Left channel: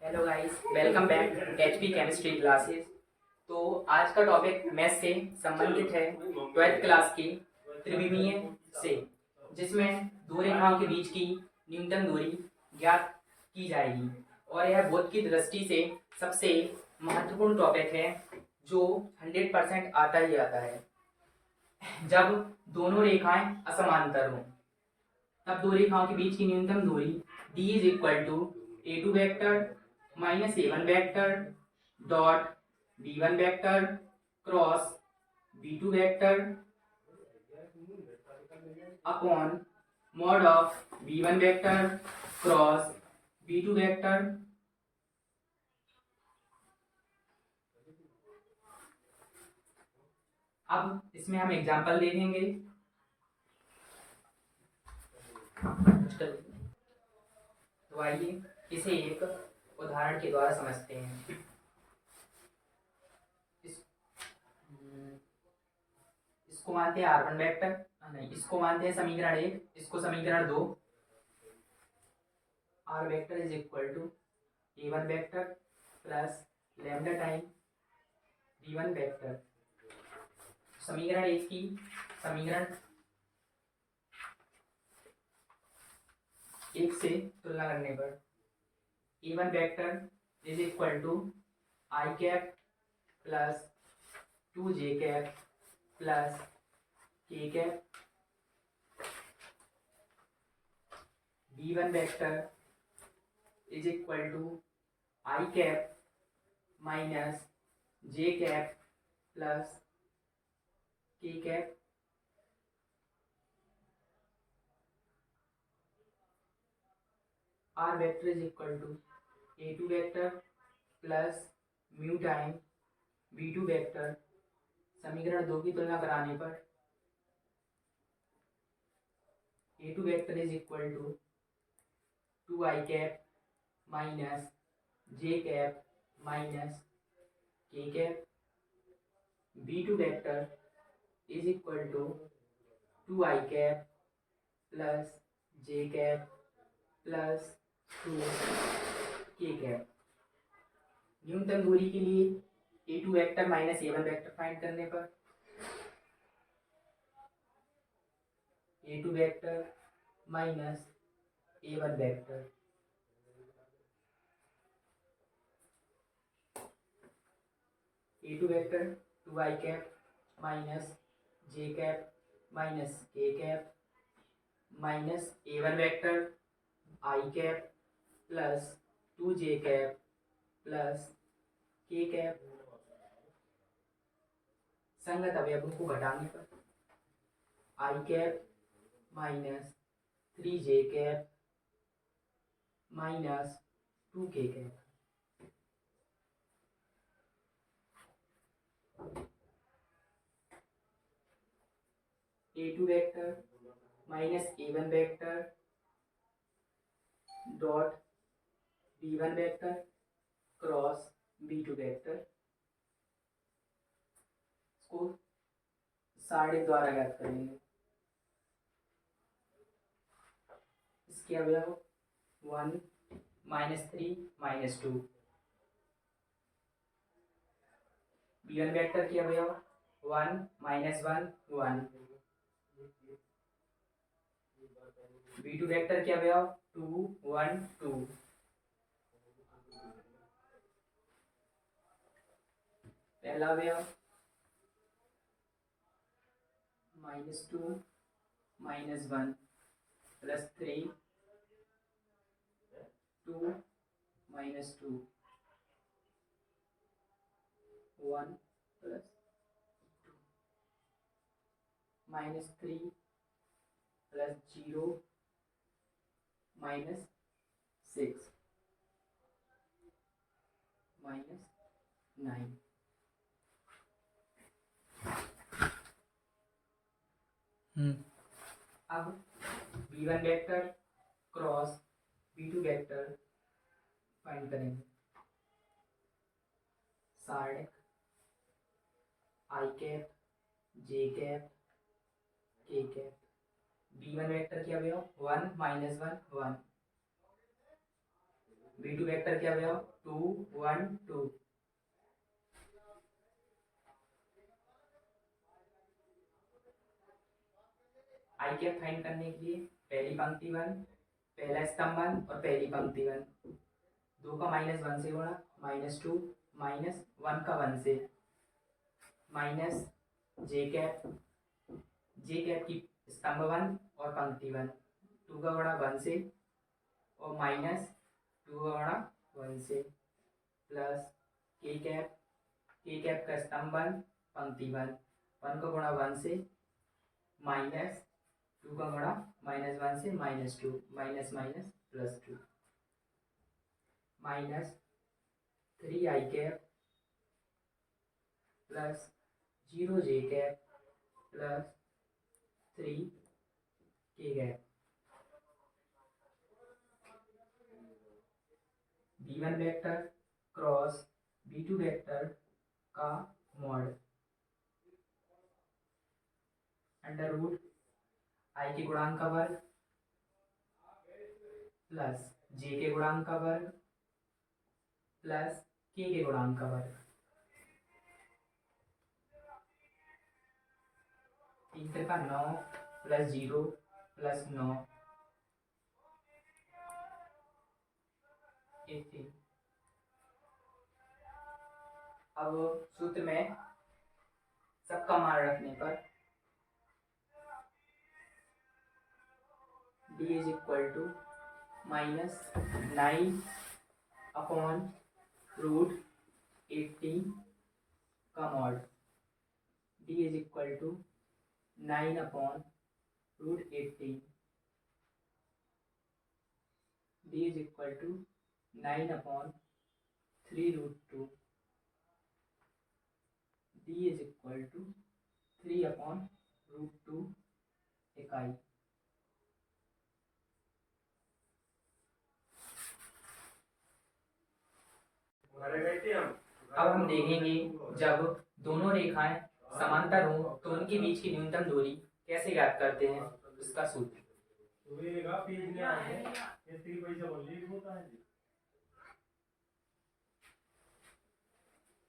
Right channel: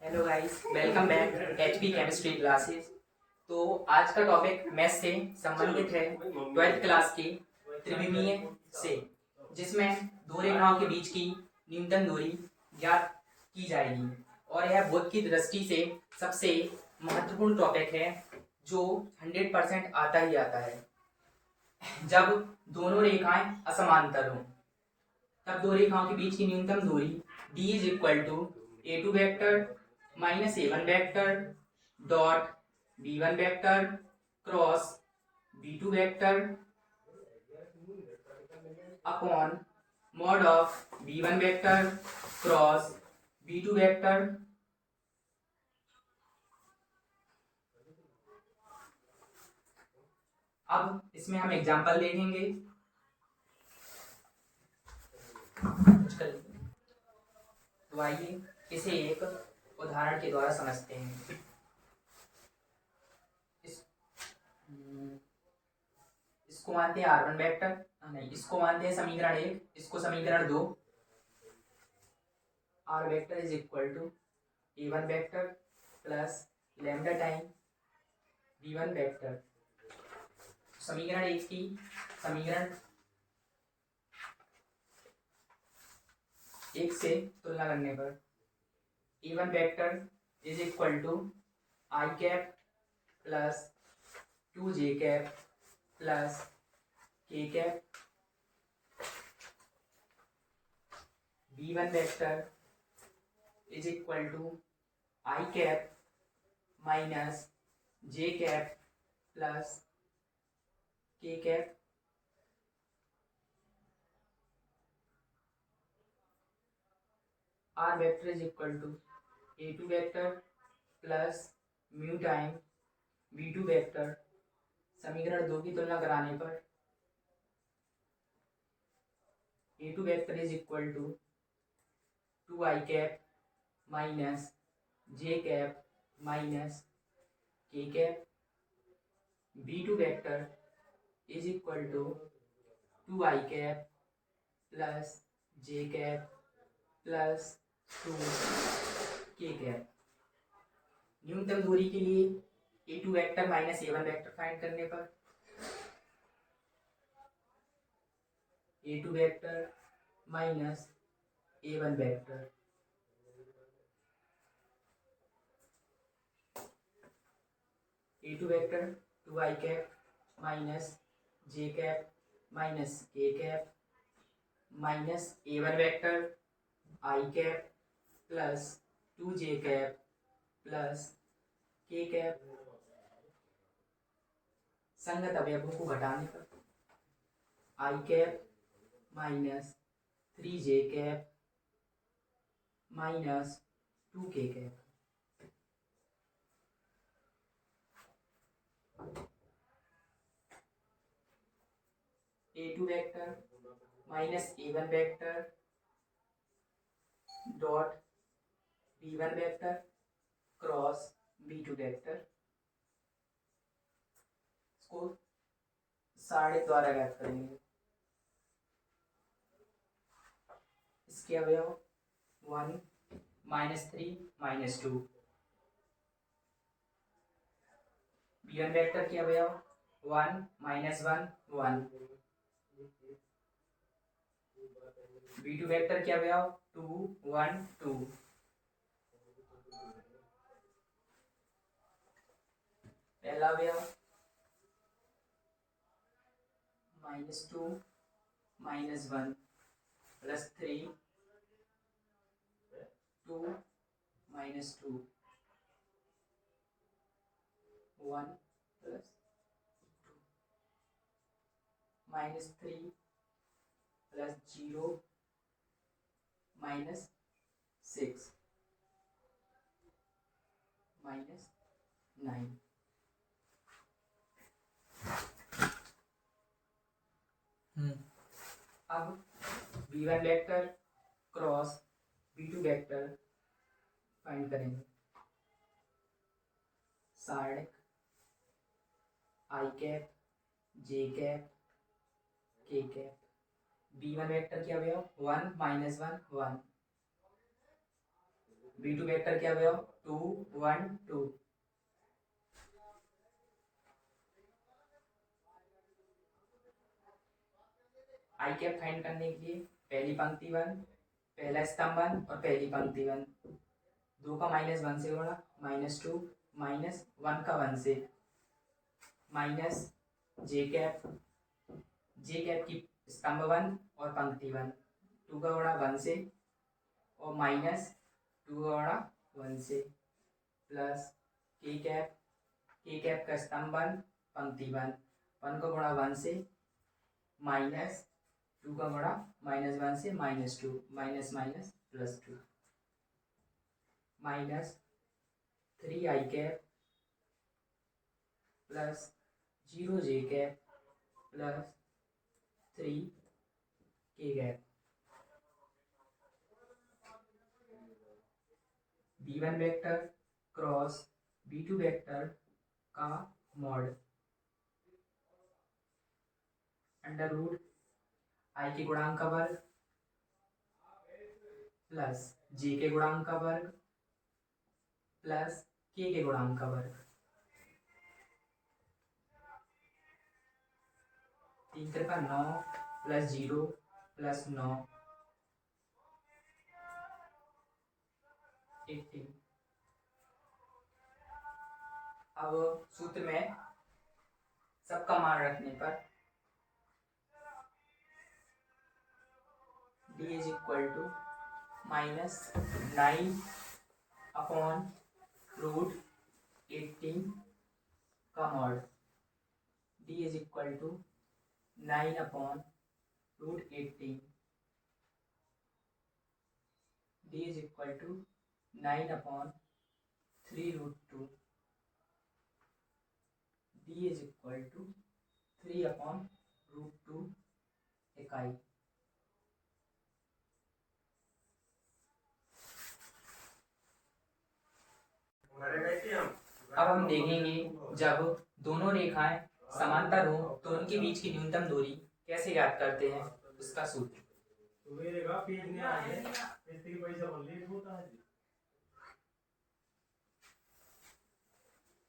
Hello guys, welcome back HP chemistry classes. तो आज का टॉपिक मैथ से संबंधित है, 12th क्लास की त्रिविमीय से, जिसमें दो रेखाओं के बीच की न्यूनतम दूरी ज्ञात की जाएगी। और यह बोध की दृष्टि से सबसे महत्वपूर्ण टॉपिक है, जो 100% आता ही आता है। जब दोनों रेखाएं असमांतर हों, तब दो रेखाओं के बीच की न्यूनतम दूरी d is equal to a2 vector minus a1 vector dot b1 vector cross b2 vector upon mod of b1 vector cross b2 vector. अब इसमें हम एग्जांपल दे देंगे। तो आइए इसे एक उदाहरण के द्वारा समझते हैं। इस इसको मानते हैं R1 वेक्टर, नहीं, इसको मानते हैं समीकरण 1, इसको समीकरण 2। R vector is equal to a1 vector plus lambda time b1 vector. समीकरण 1 की समीकरण 1 से तुलना करने पर a1 vector is equal to i cap plus 2j cap plus k cap. b1 vector is equal to i cap minus j cap plus k cap. r vector is equal to a2 vector plus mu time b2 vector. समीकरण 2 की तुलना कराने पर a2 vector is equal to 2i cap minus j cap minus k cap. b2 vector is equal to 2i cap plus j cap plus 2k cap. न्यूनतम दूरी के लिए a2 vector minus a1 vector find करने पर a2 vector minus a1 vector a2 vector 2i cap minus j cap minus k cap minus a1 vector i cap plus 2j cap plus k cap. संगत अवयवों को घटाने पर i cap minus 3j cap minus 2k cap. a2 vector minus a1 vector dot b1 vector cross b2 vector. इसको साढ़े द्वारा ज्ञात करेंगे। इसके अवयव 1 माइनस 3 माइनस 2। b1 वेक्टर के अवयव 1 माइनस 1 1। b2 वेक्टर के अवयव 2 1 2। पहला अवयव minus 2 minus 1 plus 3 2 minus 2 1 plus minus 3 plus 0 minus 6 minus 9। अब b1 vector cross b2 vector find करेंगे। Side i cap j cap k cap. b1 vector के अवयव 1 माइनस 1 1। B2 वेक्टर क्या हुआ 2 1 2। आई कैप फाइंड करने के लिए पहली पंक्ति 1, पहला स्तंभ 1 और पहली पंक्ति 1, 2 का -1 से गुणा -2 -1 का 1 से माइनस जे कैप की स्तंभ 1 और पंक्ति 1, 2 का गुणा 1 से और -2 का गुणा 1 से प्लस के कैप का स्तंभ 1 पंक्ति 1, 1 का गुणा 1 से -2 का गुणा -1 से -2 माइनस माइनस +2 माइनस 3 आई कैप प्लस 0 जे कैप प्लस 3 के cap. B1 vector cross B2 vector का मॉड अंडर रूट आई के गुणांक का वर्ग प्लस जे के गुणांक का वर्ग प्लस के गुणांक का वर्ग। 3 3 9 प्लस 0 प्लस 9 18। अब सूत्र में सबका मान रखने पर d is equal to -9 upon root 18 का mod, d is equal to 9 upon root 18, d is equal to 9 upon 3 root 2, d is equal to 3 upon root 2 इकाई। अब हम देखेंगे जब दोनों रेखाएं समांतर हो तो उनके बीच की न्यूनतम दूरी कैसे ज्ञात करते हैं, उसका सूत्र।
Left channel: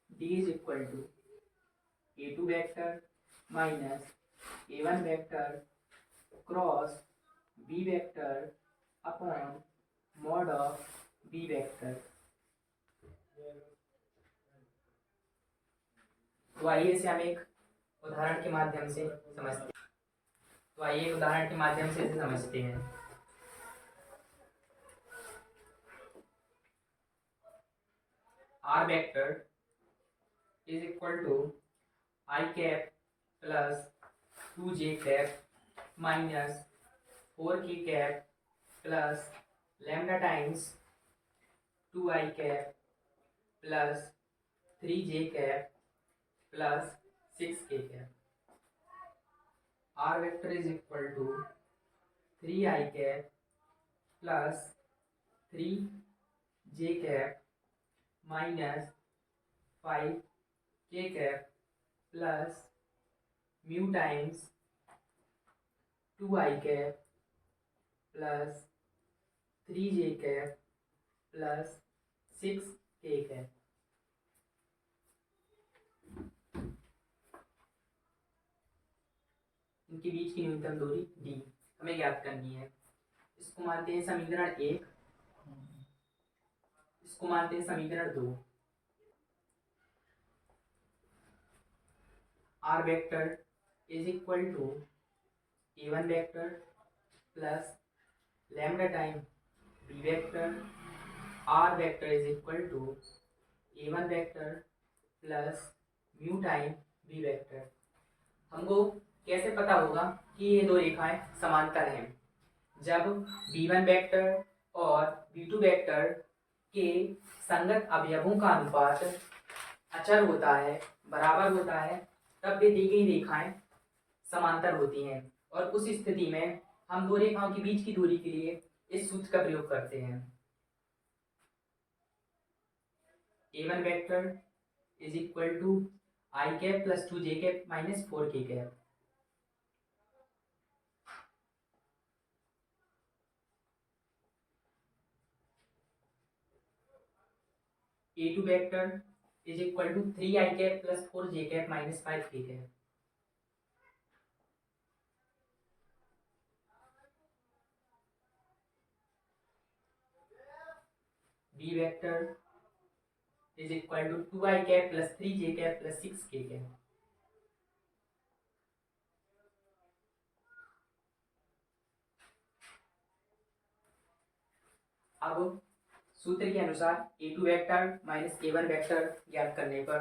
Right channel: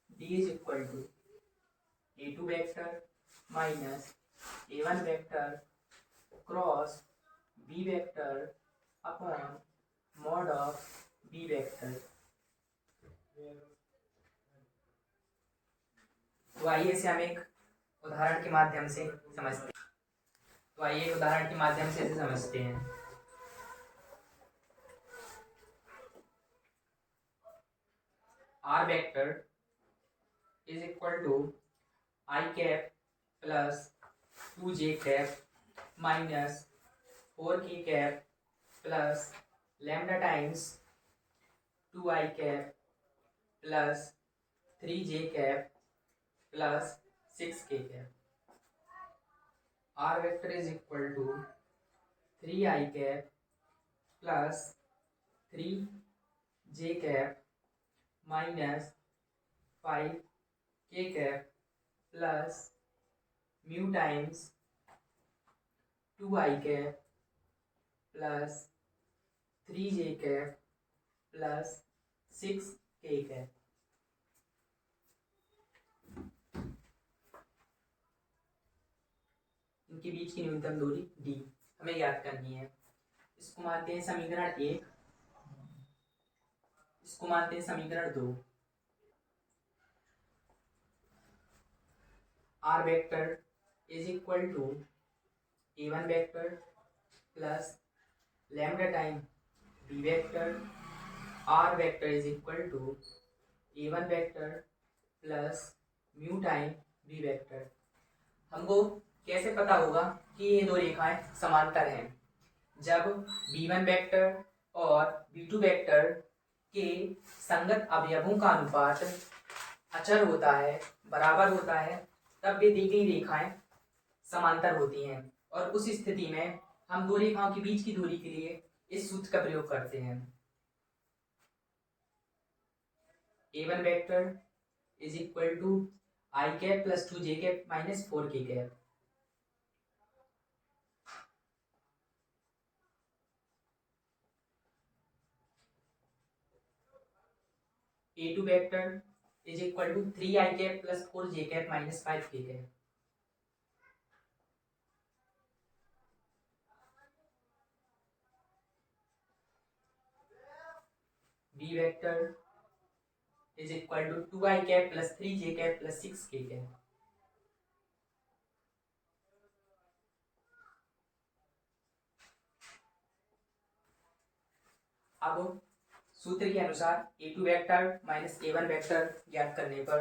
d is equal to a2 vector minus a1 vector cross b vector upon mod of b vector. तो आइए इसे हम एक उदाहरण के माध्यम से समझते हैं। R vector is equal to i cap plus 2j cap minus 4k cap plus lambda times 2i cap plus 3j cap plus 6k cap. R vector is equal to 3i cap plus 3j cap minus 5k cap plus mu times 2i cap plus 3j cap plus 6k cap. इनके बीच की न्यूनतम दूरी d हमें ज्ञात करनी है। इसको मानते हैं समीकरण 1, इसको मानते हैं समीकरण 2। R vector is equal to a1 vector plus lambda time b vector. R vector is equal to a1 vector plus mu time b vector. हमको कैसे पता होगा कि ये दो रेखाएं समांतर हैं? जब b1 वेक्टर और b2 वेक्टर के संगत अवयवों का अनुपात अचर होता है, बराबर होता है, तब वे दी गई रेखाएं समांतर होती हैं। और उस स्थिति में हम दो रेखाओं के बीच की दूरी के लिए इस सूत्र का प्रयोग करते हैं। a1 vector is equal to i cap plus 2j cap minus 4k cap. A2 vector is equal to 3 i cap plus 4 j cap minus 5 k cap. B vector is equal to 2 i cap plus 3 j cap plus 6 k cap. अब सूत्र के अनुसार A2 vector minus A1 vector ज्ञात करने पर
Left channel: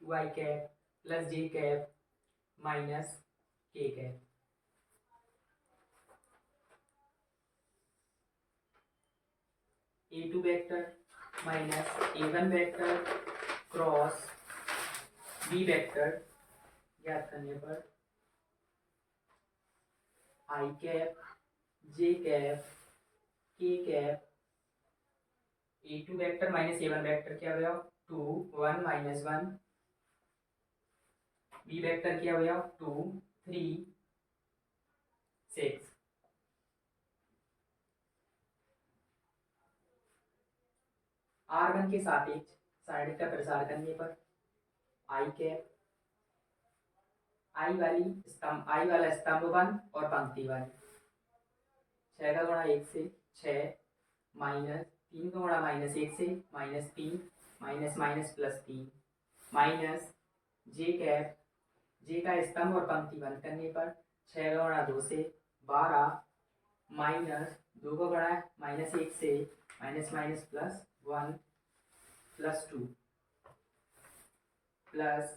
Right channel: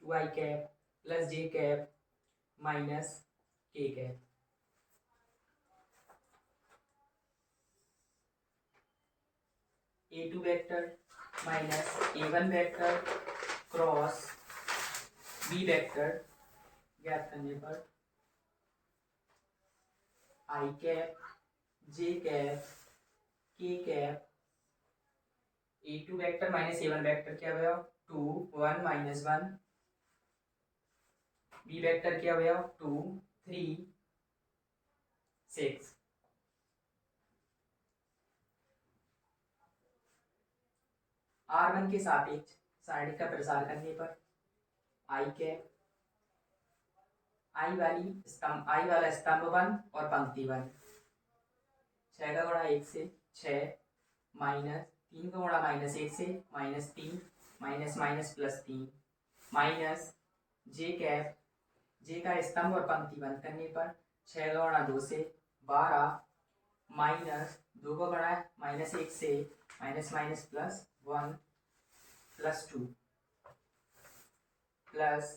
two i cap plus j cap minus k cap. A2 vector minus A1 vector cross B vector ज्ञात करने पर i cap j cap k cap. A2 vector minus A1 vector क्या हुआ 2 1 minus 1। B vector क्या हुआ 2 3 6। R1 के सापेक्ष side का प्रसार करने पर आई कैप आई वाला स्तंभ 1 और पंक्ति 1 6 का गुणा 1 से 6 माइनस 3 का गुणा माइनस 1 से minus 3 minus minus plus 3 minus j cap j का स्तंभ और पंक्ति बंद करने पर 6 का गुणा 2 से 12 माइनस 2 का गुणा माइनस 1 से minus minus plus 1 plus 2 plus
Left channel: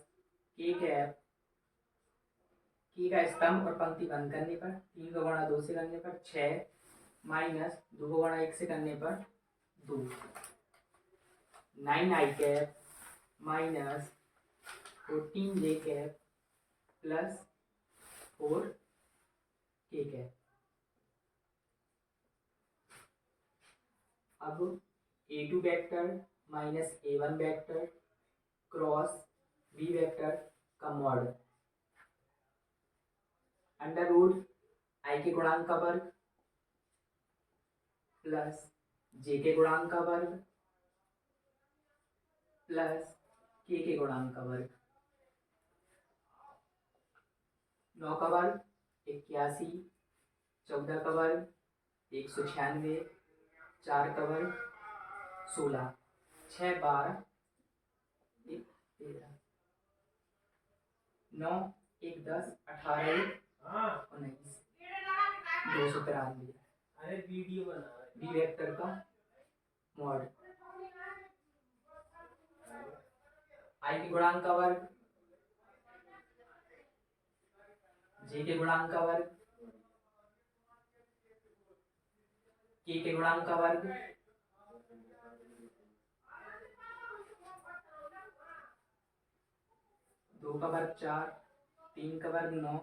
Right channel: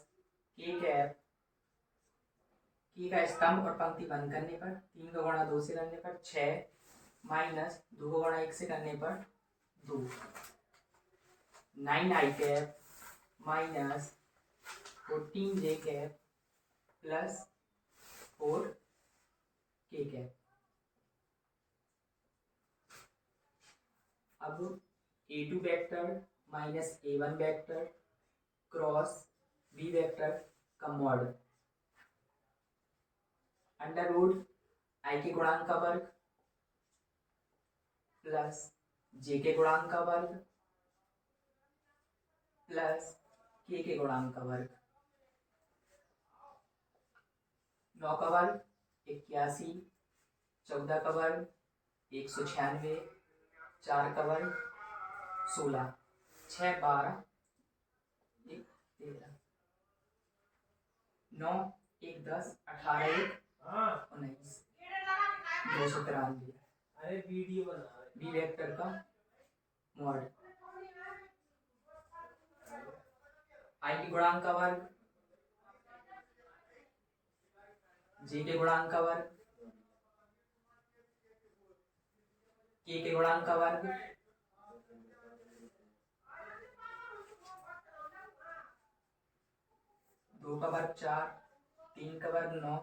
के कैप की का स्तंभ और पंक्ति बंद करने पर 3 का गुणा 2 से करने पर 6 माइनस 2 का गुणा 1 से करने पर 2 9 आई कैप माइनस 14 जे कैप प्लस 4 के कैप। अब A2 vector minus A1 vector cross B vector का मॉड अंडर रूट आई के गुणांक का वर्ग प्लस जे के गुणांक का वर्ग प्लस के गुणांक का वर्ग। 9 का वर्ग 81, 14 का वर्ग 196, 4 का वर्ग 16, 6 12 1 13, 9 1 10 18 1 19 293। अरे वीडियो बना बी वेक्टर का मॉड आई के गुणांक का वर्ग जे के गुणांक का वर्ग के गुणांक का वर्ग दो का वर्ग 4, 3 का वर्ग 9,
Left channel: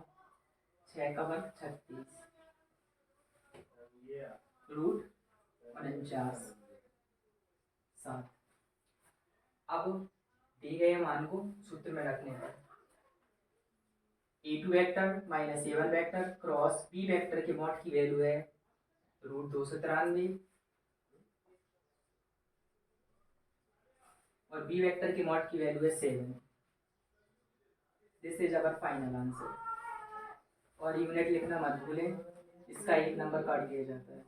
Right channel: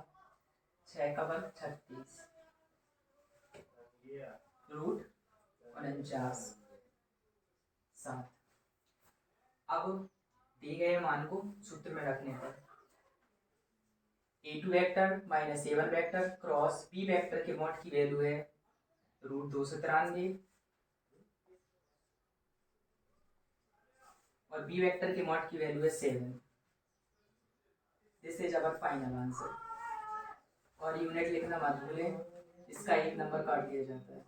6 का वर्ग 36 रूट 49 7। अब दिए गए मान को सूत्र में रखने पर A2 vector minus A1 vector cross B vector के मॉड की वैल्यू है रूट 293 और B वेक्टर के मॉड की वैल्यू है 7। This is our final answer. और यूनिट लिखना मत भूलें, इसका 1 नंबर काट दिया जाता है।